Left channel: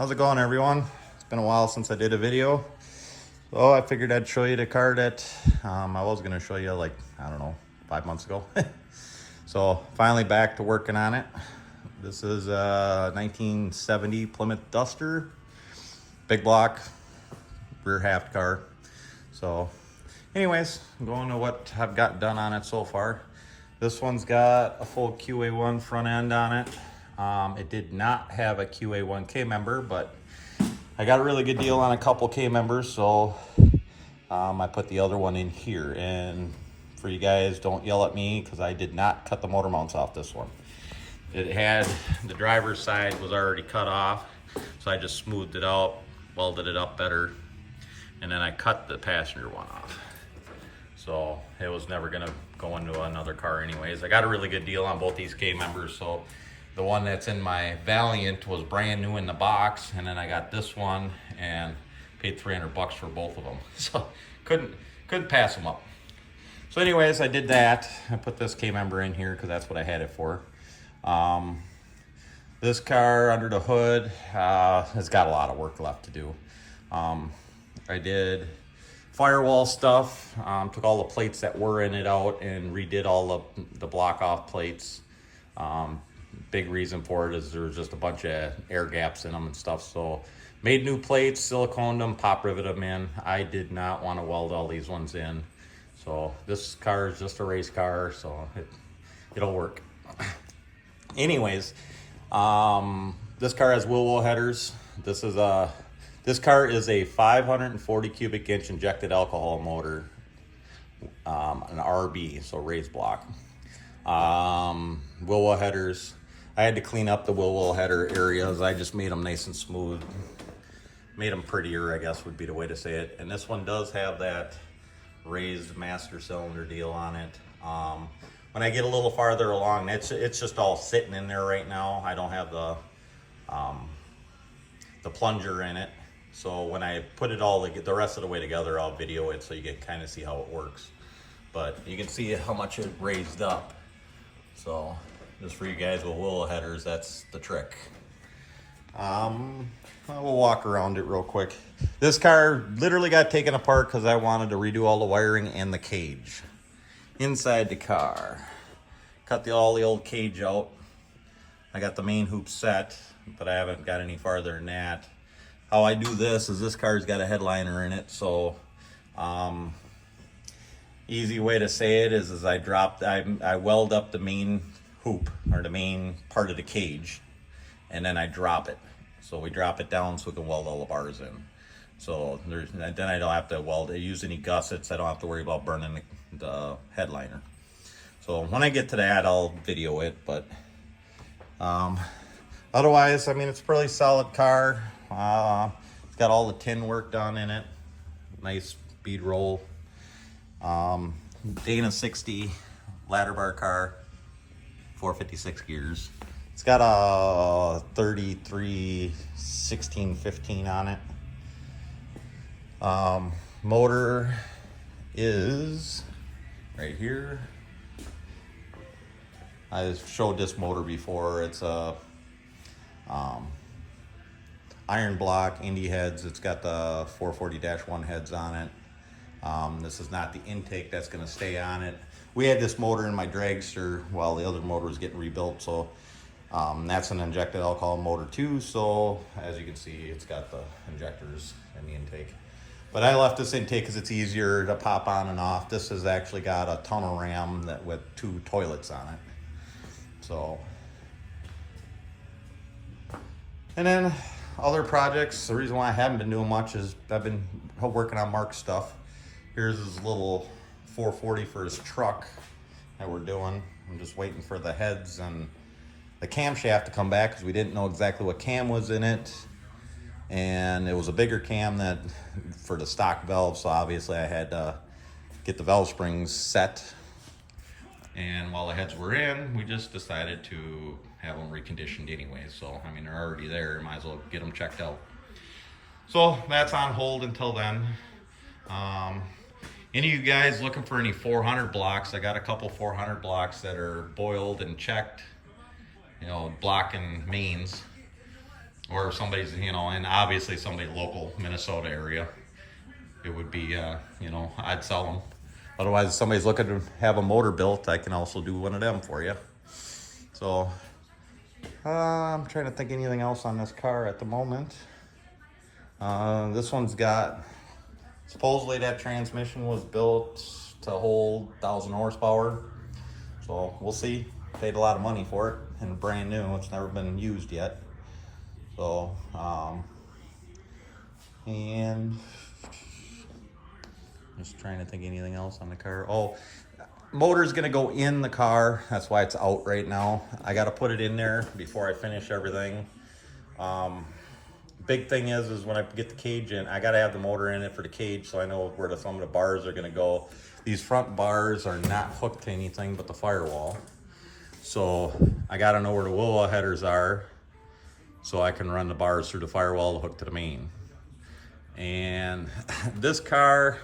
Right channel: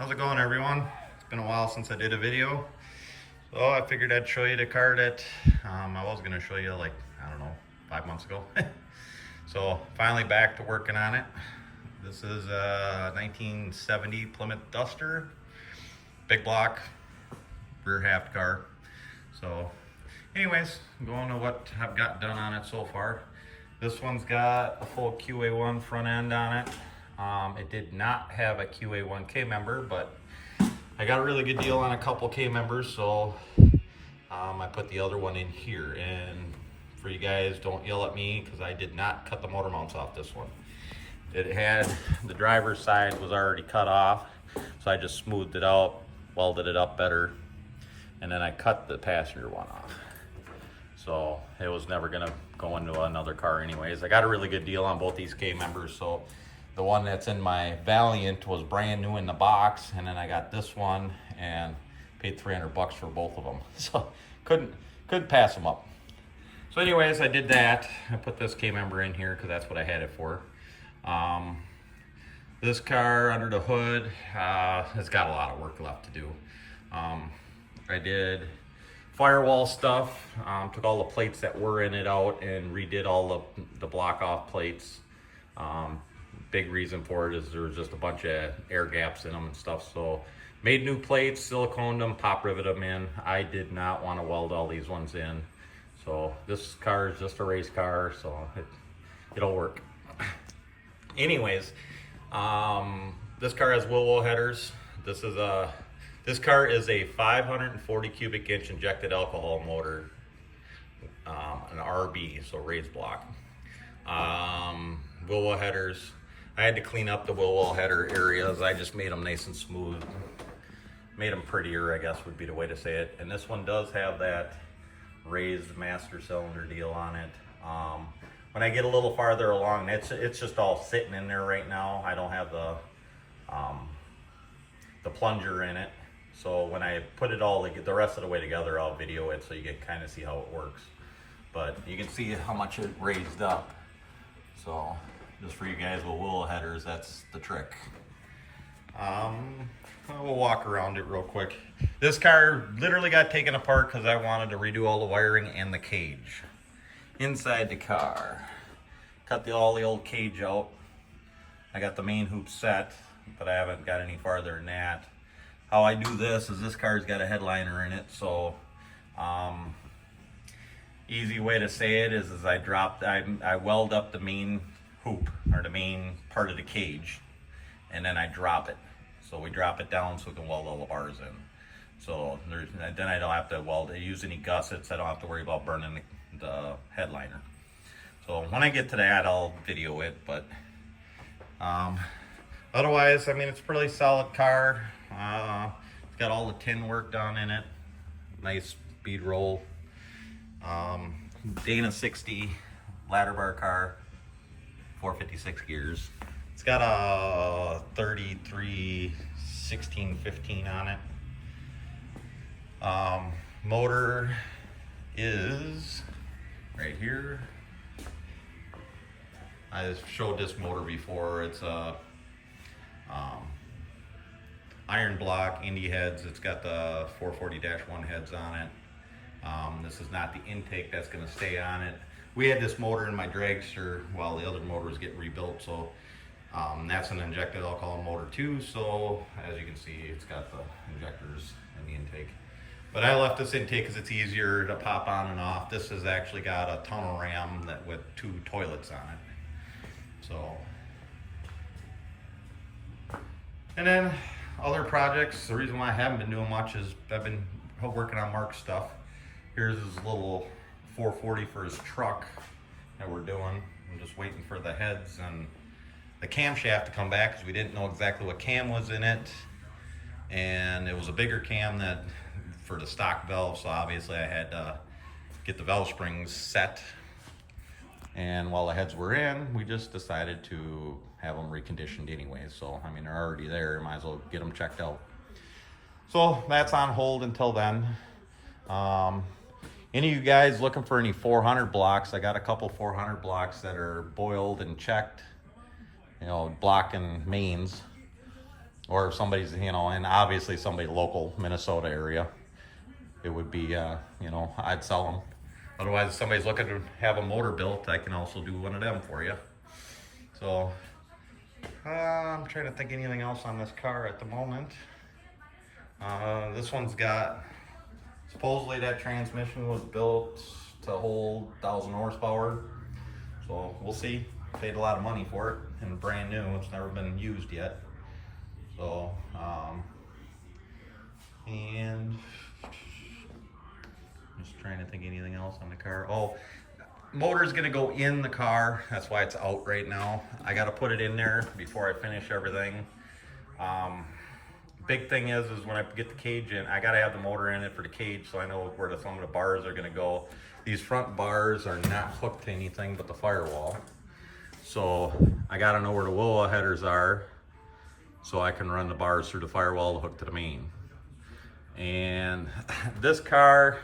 How's it going, everyone? It's been a while since I did a video, so I figured I'd show you the car that I was going to show you like, I don't know, 5 months ago. So finally back to working on it. This is a 1970 Plymouth Duster, big block, rear half car. So anyways, I'm going to what I've got done on it so far. This one's got a full QA1 front end on it. It did not have a QA1 K member, but I got a really good deal on a couple K members, so I put the other one in here. And for you guys, don't yell at me because I did not cut the motor mounts off this one. It had, the driver's side was already cut off, so I just smoothed it out, welded it up better, and then I cut the passenger one off. So it was never gonna go into another car anyways. I got a really good deal on both these K members, so the one that's in my Valiant was brand new in the box, and then I got this one and paid $300 for both of them. So couldn't pass them up. So anyways, I did that. I put this K member in here because that's what I had it for. This car under the hood has got a lot of work left to do. I did firewall stuff, took all the plates that were in it out and redid all of the block off plates. Big reason for it is there was just a bunch of air gaps in them and stuff. So made new plates, siliconed them, pop riveted them in. I did not want to weld all these ones in. So this car is just a race car, so it'll work. Anyways, this car has wheel headers. This car is a 540 cubic inch injected alcohol motor, an RB, so raised block. Wheel headers. I had to clean up the wheel header areas. I just made them nice and smooth. Made them prettier, I guess would be the way to say it. And this one does have that raised master cylinder deal on it. When I get a little farther along, it's just all sitting in there right now. I don't have the plunger in it. So when I put it all the rest of the way together, I'll video it so you can kind of see how it works. But you can see how much it raised up. So just for you guys with wheel headers, that's the trick. We'll walk around it real quick. This car literally got taken apart because I wanted to redo all the wiring and the cage inside the car. Cut all the old cage out. I got the main hoop set, but I haven't got any farther than that. How I do this is this car's got a headliner in it, so easy way to say it is I weld up the main hoop or the main part of the cage, and then I drop it. So we drop it down so we can weld all the bars in. So then I don't have to use any gussets. I don't have to worry about burning the headliner. So when I get to that, I'll video it. But otherwise, I mean, it's a pretty solid car. It's got all the tin work done in it. Nice bead roll. Dana 60 ladder bar car, 456 gears. It's got a 33 1615 on it. Motor is right here. I showed this motor before. It's a iron block Indy heads. It's got the 440-1 heads on it. This is not the intake that's going to stay on it. We had this motor in my dragster while the other motor was getting rebuilt, so that's an injected alcohol motor too. So as you can see, it's got the injectors and the intake. But I left this intake because it's easier to pop on and off. This has actually got a tunnel ram with 2 toilets on it. So, and then other projects. The reason why I haven't been doing much is I've been working on Mark's stuff. Here's his little 440 for his truck that we're doing. I'm just waiting for the heads and the camshaft to come back because we didn't know exactly what cam was in it. And it was a bigger cam for the stock valve, so obviously I had to get the valve springs set. And while the heads were in, we just decided to have them reconditioned anyway. So, I mean, they're already there. Might as well get them checked out. So that's on hold until then. Any of you guys looking for any 400 blocks? I got a couple 400 blocks that are boiled and checked, you know, block and mains. or if somebody's, you know, and obviously somebody local Minnesota area, it would be, you know, I'd sell them. Otherwise, if somebody's looking to have a motor built, I can also do one of them for you. So I'm trying to think anything else on this car at the moment. This one's got, supposedly that transmission was built to hold 1,000 horsepower. So we'll see. Paid a lot of money for it and brand new. It's never been used yet. So, and just trying to think anything else on the car. Oh, motor's gonna go in the car. That's why it's out right now. I gotta put it in there before I finish everything. Big thing is when I get the cage in, I gotta have the motor in it for the cage so I know where some of the bars are gonna go. These front bars are not hooked to anything but the firewall. So I gotta know where the willow headers are so I can run the bars through the firewall to hook to the main. And this car,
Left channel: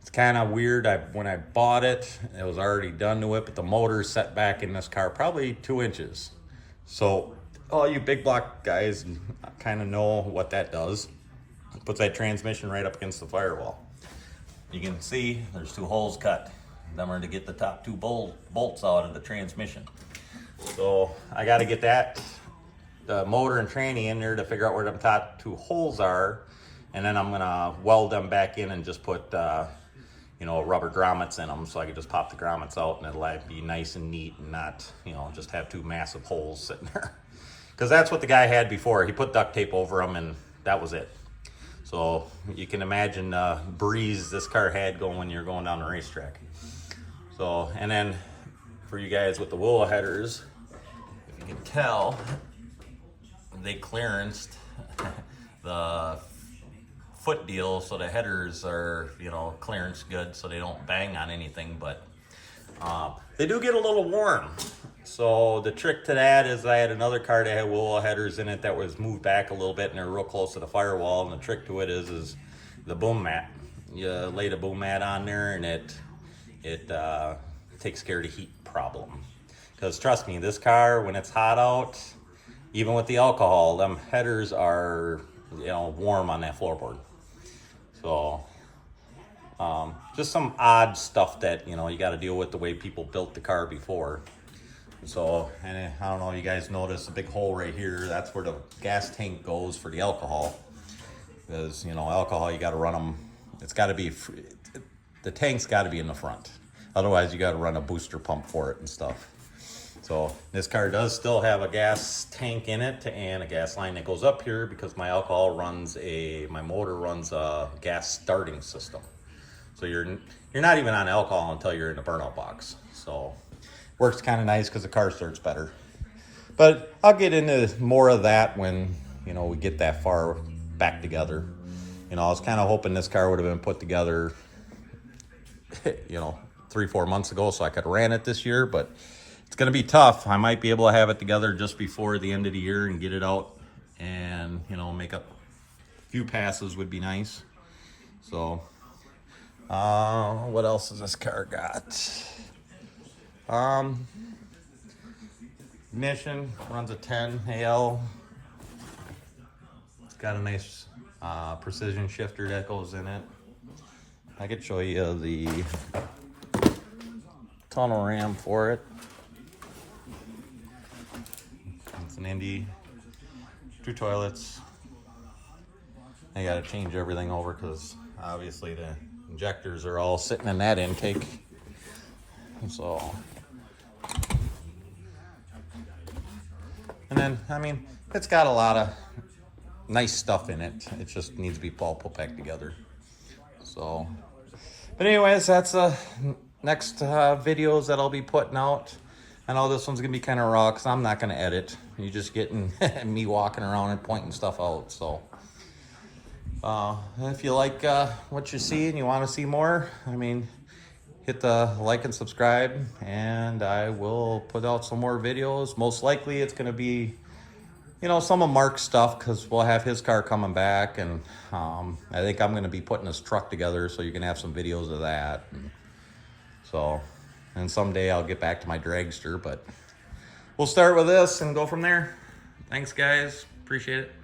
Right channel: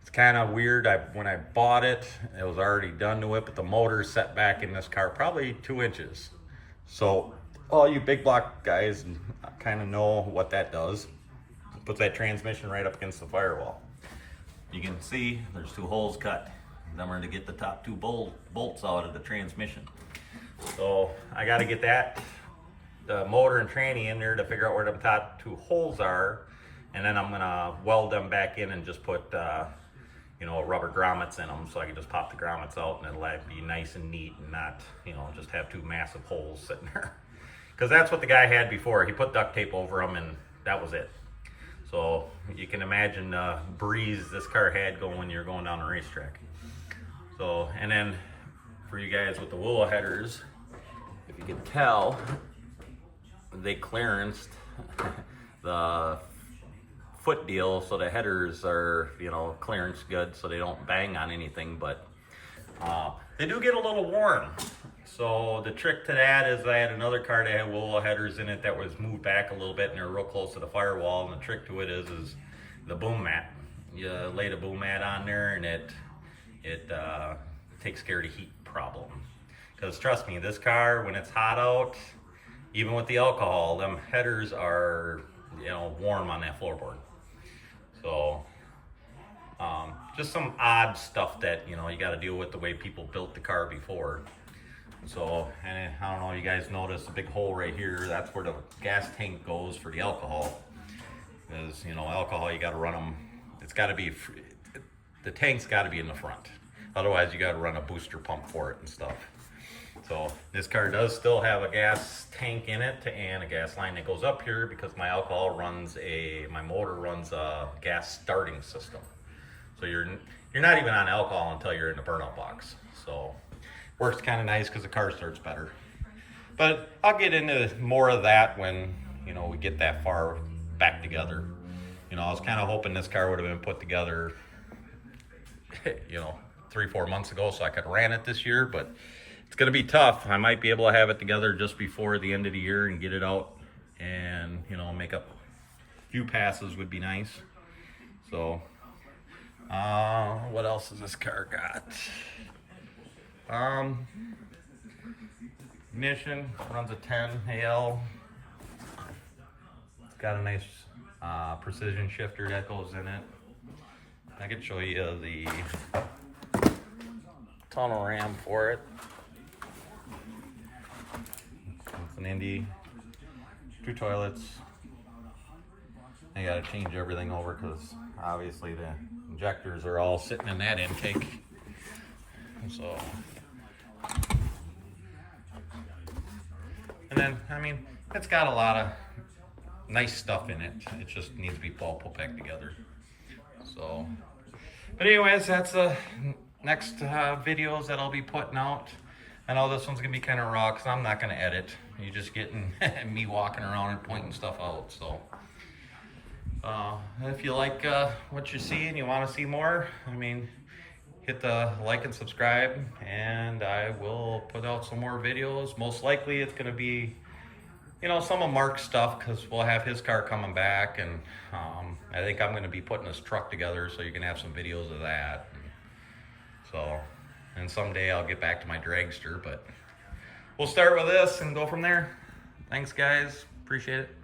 it's kind of weird. When I bought it, it was already done to it, but the motor's set back in this car probably 2 inches. So all you big block guys kind of know what that does. It puts that transmission right up against the firewall. You can see there's 2 holes cut. Them are to get the top 2 bolts out of the transmission. So I got to get the motor and tranny in there to figure out where them top 2 holes are, and then I'm gonna weld them back in and just put you know, rubber grommets in them so I can just pop the grommets out and it'll be nice and neat and not, you know, just have 2 massive holes sitting there. Because that's what the guy had before. He put duct tape over them and that was it. So you can imagine the breeze this car had going when you're going down the racetrack. So, and then for you guys with the willow headers, if you can tell, they clearanced the foot deal so the headers are, you know, clearance good so they don't bang on anything, but they do get a little warm. So the trick to that is I had another car that had willow headers in it that was moved back a little bit and they're real close to the firewall, and the trick to it is the boom mat. You lay the boom mat on there and it takes care of the heat problem. Because trust me, this car, when it's hot out, even with the alcohol, them headers are, you know, warm on that floorboard. So just some odd stuff that, you know, you got to deal with the way people built the car before. So, and I don't know, you guys notice a big hole right here. That's where the gas tank goes for the alcohol. Because, you know, alcohol, you got to run them. It's got to be, the tank's got to be in the front. Otherwise, you got to run a booster pump for it and stuff. So this car does still have a gas tank in it and a gas line that goes up here because my my motor runs a gas starting system. So you're not even on alcohol until you're in the burnout box. So works kind of nice because the car starts better. But I'll get into more of that when, you know, we get that far back together. You know, I was kind of hoping this car would have been put together, you know, 3-4 months ago so I could ran it this year, but it's gonna be tough. I might be able to have it together just before the end of the year and get it out and, you know, make up a few passes would be nice. So, what else has this car got? Ignition runs a 10 AL. It's got a nice precision shifter that goes in it. I could show you the tunnel ram for it. It's an Indy, 2 toilets. I gotta change everything over because obviously the injectors are all sitting in that intake. So, and then, I mean, it's got a lot of nice stuff in it. It just needs to be all put back together. So, but anyways, that's the next videos that I'll be putting out. I know this one's gonna be kind of raw because I'm not gonna edit. You're just getting me walking around and pointing stuff out. So, if you like what you see and you want to see more, I mean, hit the like and subscribe, and I will put out some more videos. Most likely it's gonna be, you know, some of Mark's stuff because we'll have his car coming back, and I think I'm gonna be putting his truck together so you can have some videos of that. And someday I'll get back to my dragster, but we'll start with this and go from there. Thanks, guys. Appreciate it.